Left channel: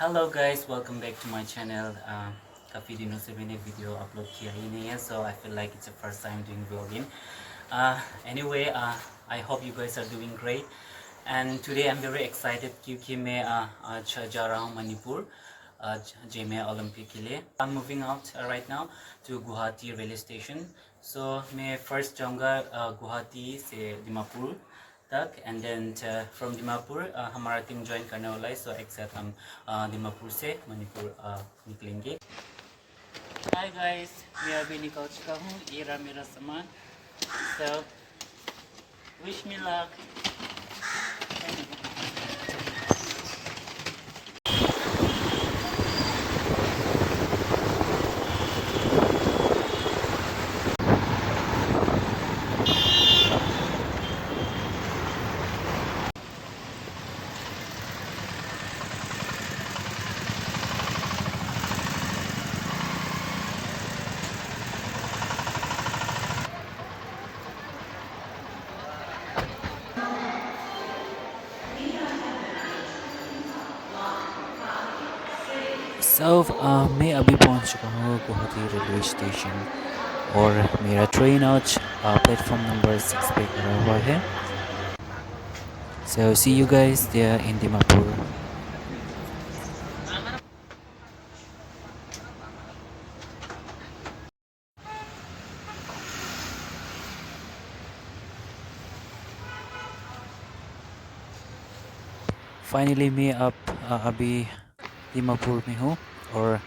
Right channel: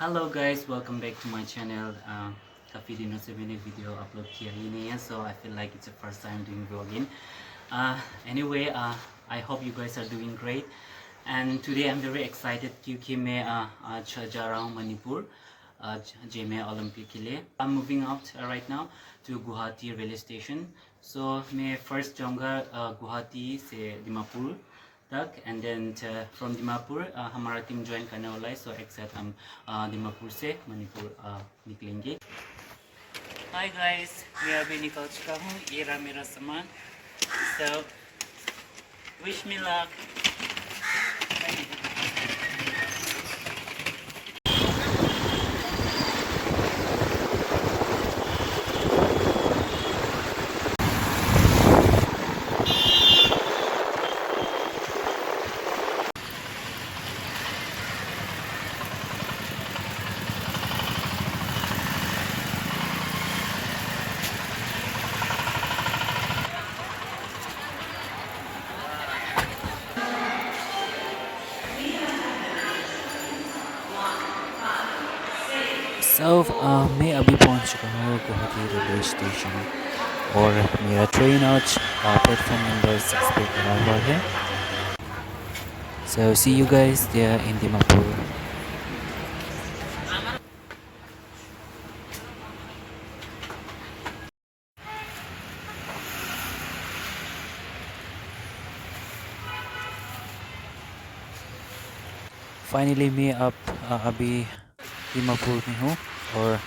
Hello guys, welcome back to my channel. काफ़ी दिनों से मैंने वीडियो अपलोड किया ही नहीं है, so I feel like it's a first time doing vlogging. Anyway, I hope you guys are doing great and today I am very excited क्योंकि मैं आज जा रहा हूँ मणिपुर जेमे ओलंपिक के लिए। I am moving out right now to Guwahati railway station. So मैं फर्स्ट जाऊँगा गुवाहाटी से दिमापुर तक एंड देन फ्रॉम दिमापुर हमारा टीम ज्वाइन करने वाला है। सो एक साथ हम दिमापुर से मणिपुर निकलेंगे। हाय गाइस, मैं अभी निकल चुका हूँ। ये रहा मेरा सामान। So wish me luck. मैं अभी पहुंच चुका हूँ गुवाहाटी रेलवे स्टेशन और मेरा ट्रेन आज प्लेटफॉर्म नंबर 6 पे खड़ा हुआ है। So see you guys there in Dimapur. Finally मैं अभी दिमापुर में हूँ और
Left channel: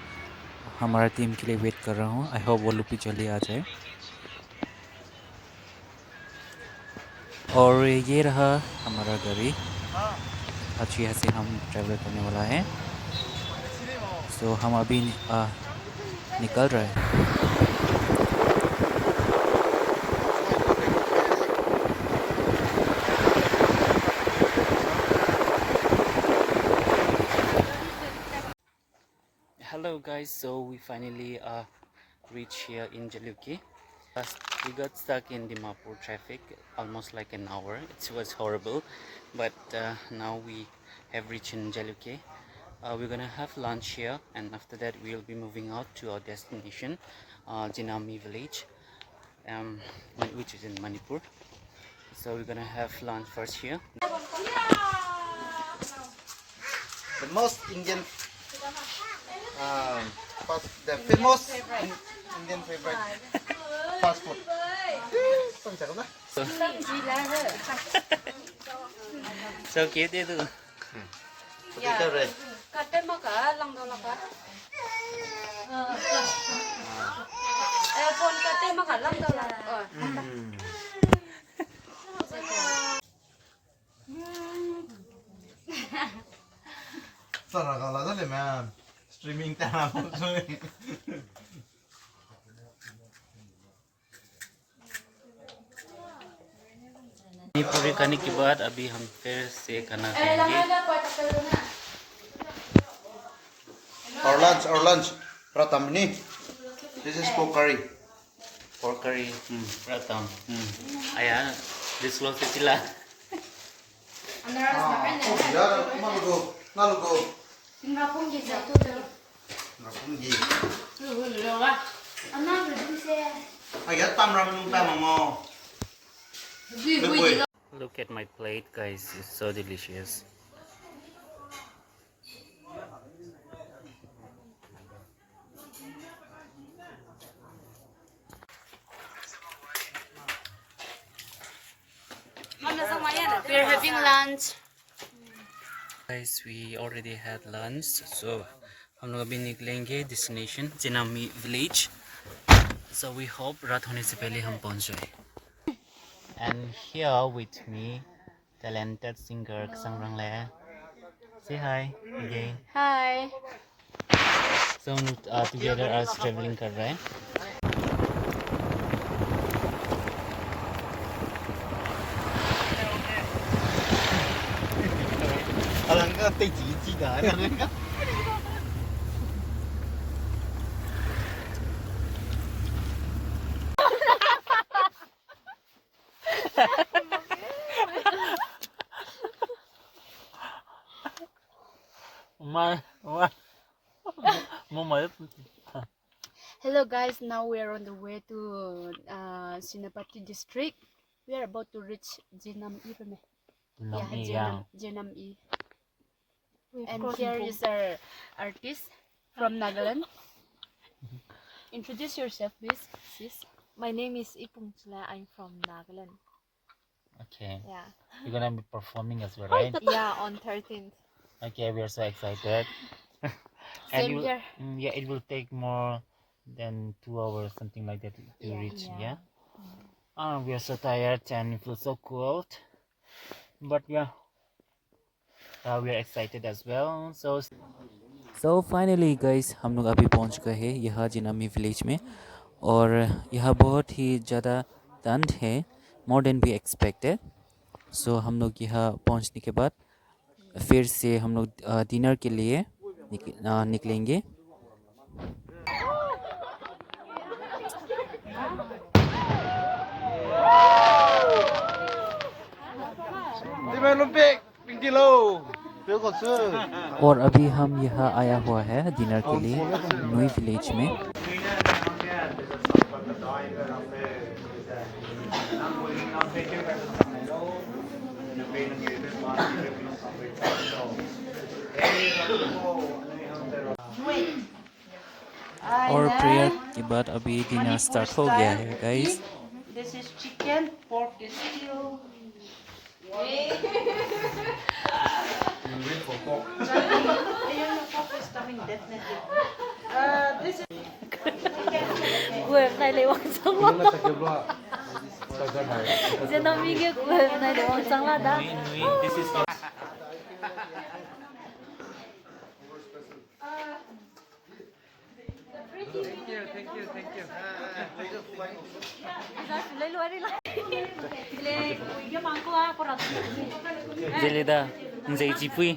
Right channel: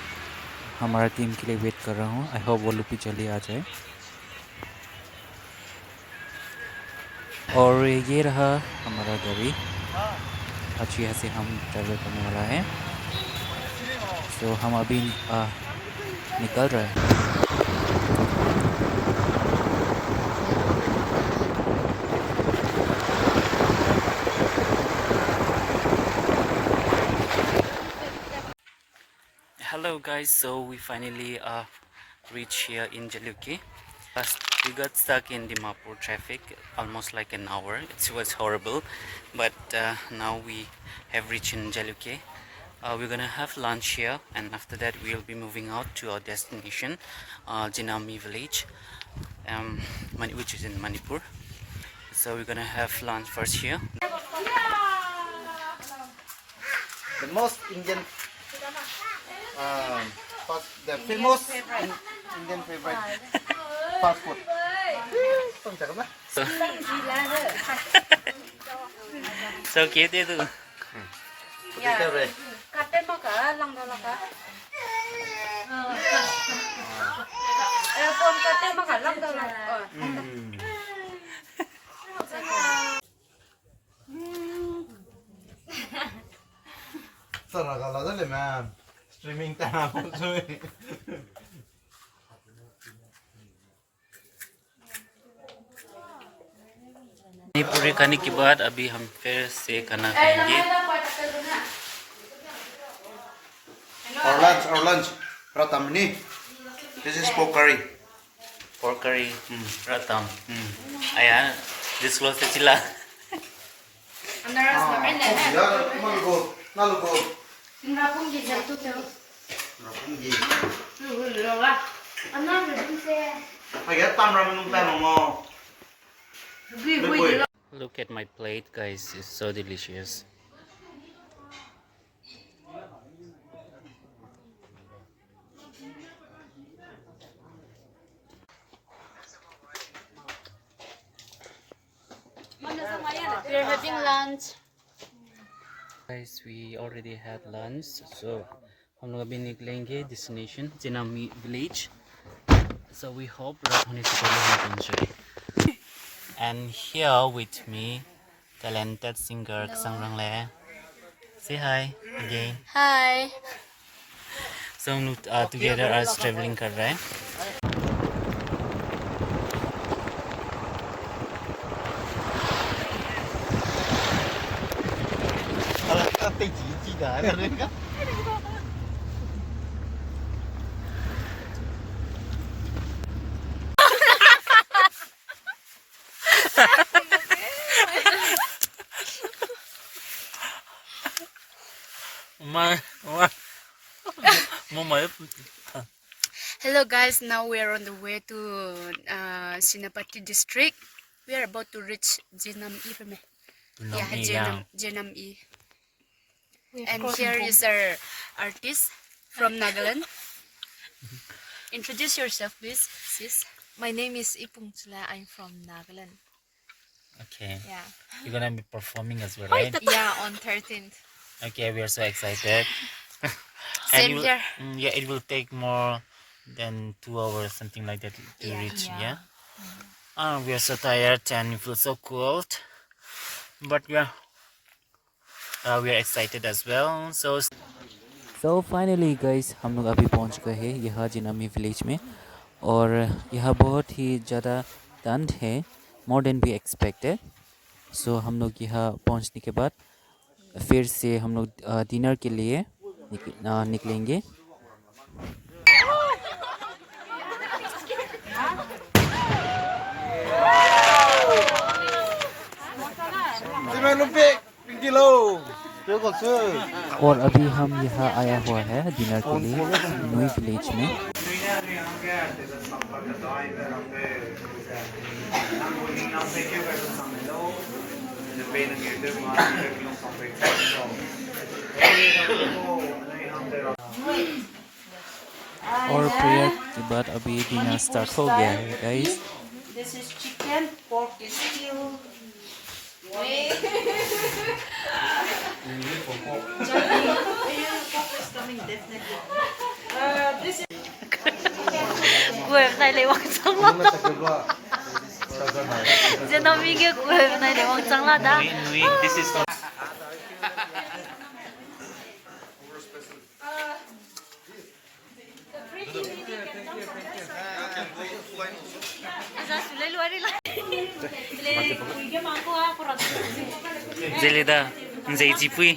हमारा टीम के लिए वेट कर रहा हूँ। आई होप वो लोग भी जल्दी आ जाए। और ये रहा हमारा गाड़ी। आज यहाँ से हम ट्रैवल करने वाला है। सो हम अभी निकल रहे हैं। Hello guys, so we finally reached here in Jaluke. We got stuck in Dimapur traffic almost like an hour. It was horrible, but now we have reached in Jaluke. We're gonna have lunch here, and after that we'll be moving out to our destination, Jami village, which is in Manipur. So we're gonna have lunch first here. The most Indian, the famous Indian favorite fast food. So, so cute itu. Sarah kalau ada man streaming tanah pun पूरी खाने के बाद अभी हम फिर से खाना खाएंगे। Our lunch pratam ni. This is pork curry. Pork curry, ratam. Ayah, disclose sila. Ya, malugo. Ayah tam ramen umpan mo. Look at my plate, guys. It's so delicious. We're having lunch. Guys, we already had lunch, so हम लोग अभी निकलेंगे destination Jami village. So we hope रात होने से पहले हम पहुंच जाए. And here with me, talented singer Sangrang Le. Say hi again. Hi. So हम लोग together as traveling कर रहे हैं. Hello guys, now we are on the way to Sinapati district. We are about to reach Jenam-i. Yeah, Jenam-i. And here is our artist from Nagaland. Introduce yourself, please, sis. My name is Ipung Chula. I'm from Nagaland. Okay. Yeah. You're gonna be performing as well, right? Yeah, on 13th. Okay, we are so excited. Same you, here. yeah, it will take more than 2 hours, something like that, to reach. Yeah. We are so tired and we feel so cold, but yeah, we are excited as well. So finally guys, हम लोग अभी पहुंच गए हैं यहाँ जिनामी village में, और यहाँ बहुत ही ज़्यादा ठंड है, मोर देन वी एक्सपेक्टेड. सो हम लोग यहाँ पहुंचने के बाद फिर से हम लोग डिनर के लिए निकलेंगे. Zeme lumpik, kilo. Kilo còn chưa? और अभी हम यहाँ आया हुआ है डिनर के लिए नुई विलेज में. और प्रेयर के बाद अभी डिनर स्टार्ट हो गया है guys. This is chicken, pork is stew. Kuheube này lấy quang trăng lắm. Giờ nó mi cái Kuheube này lấy quang trăng lắm đó. This is Zelida, Zay Jipui,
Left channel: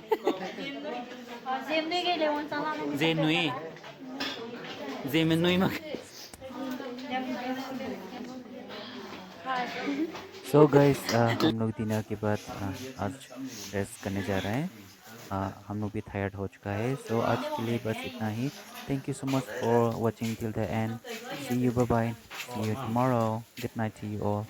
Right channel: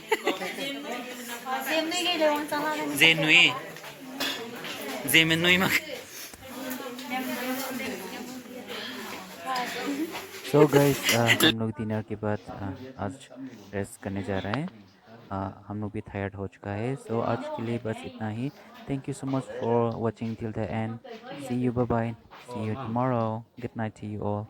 Zay Nui, Zeme Nui Mak. So guys, हम लोग dinner के बाद आज rest करने जा रहे हैं. हम लोग भी टायर्ड हो चुका है. सो आज के लिए बस इतना ही. Thank you so much for watching till the end. See you, bye bye. See you tomorrow. Good night to you all.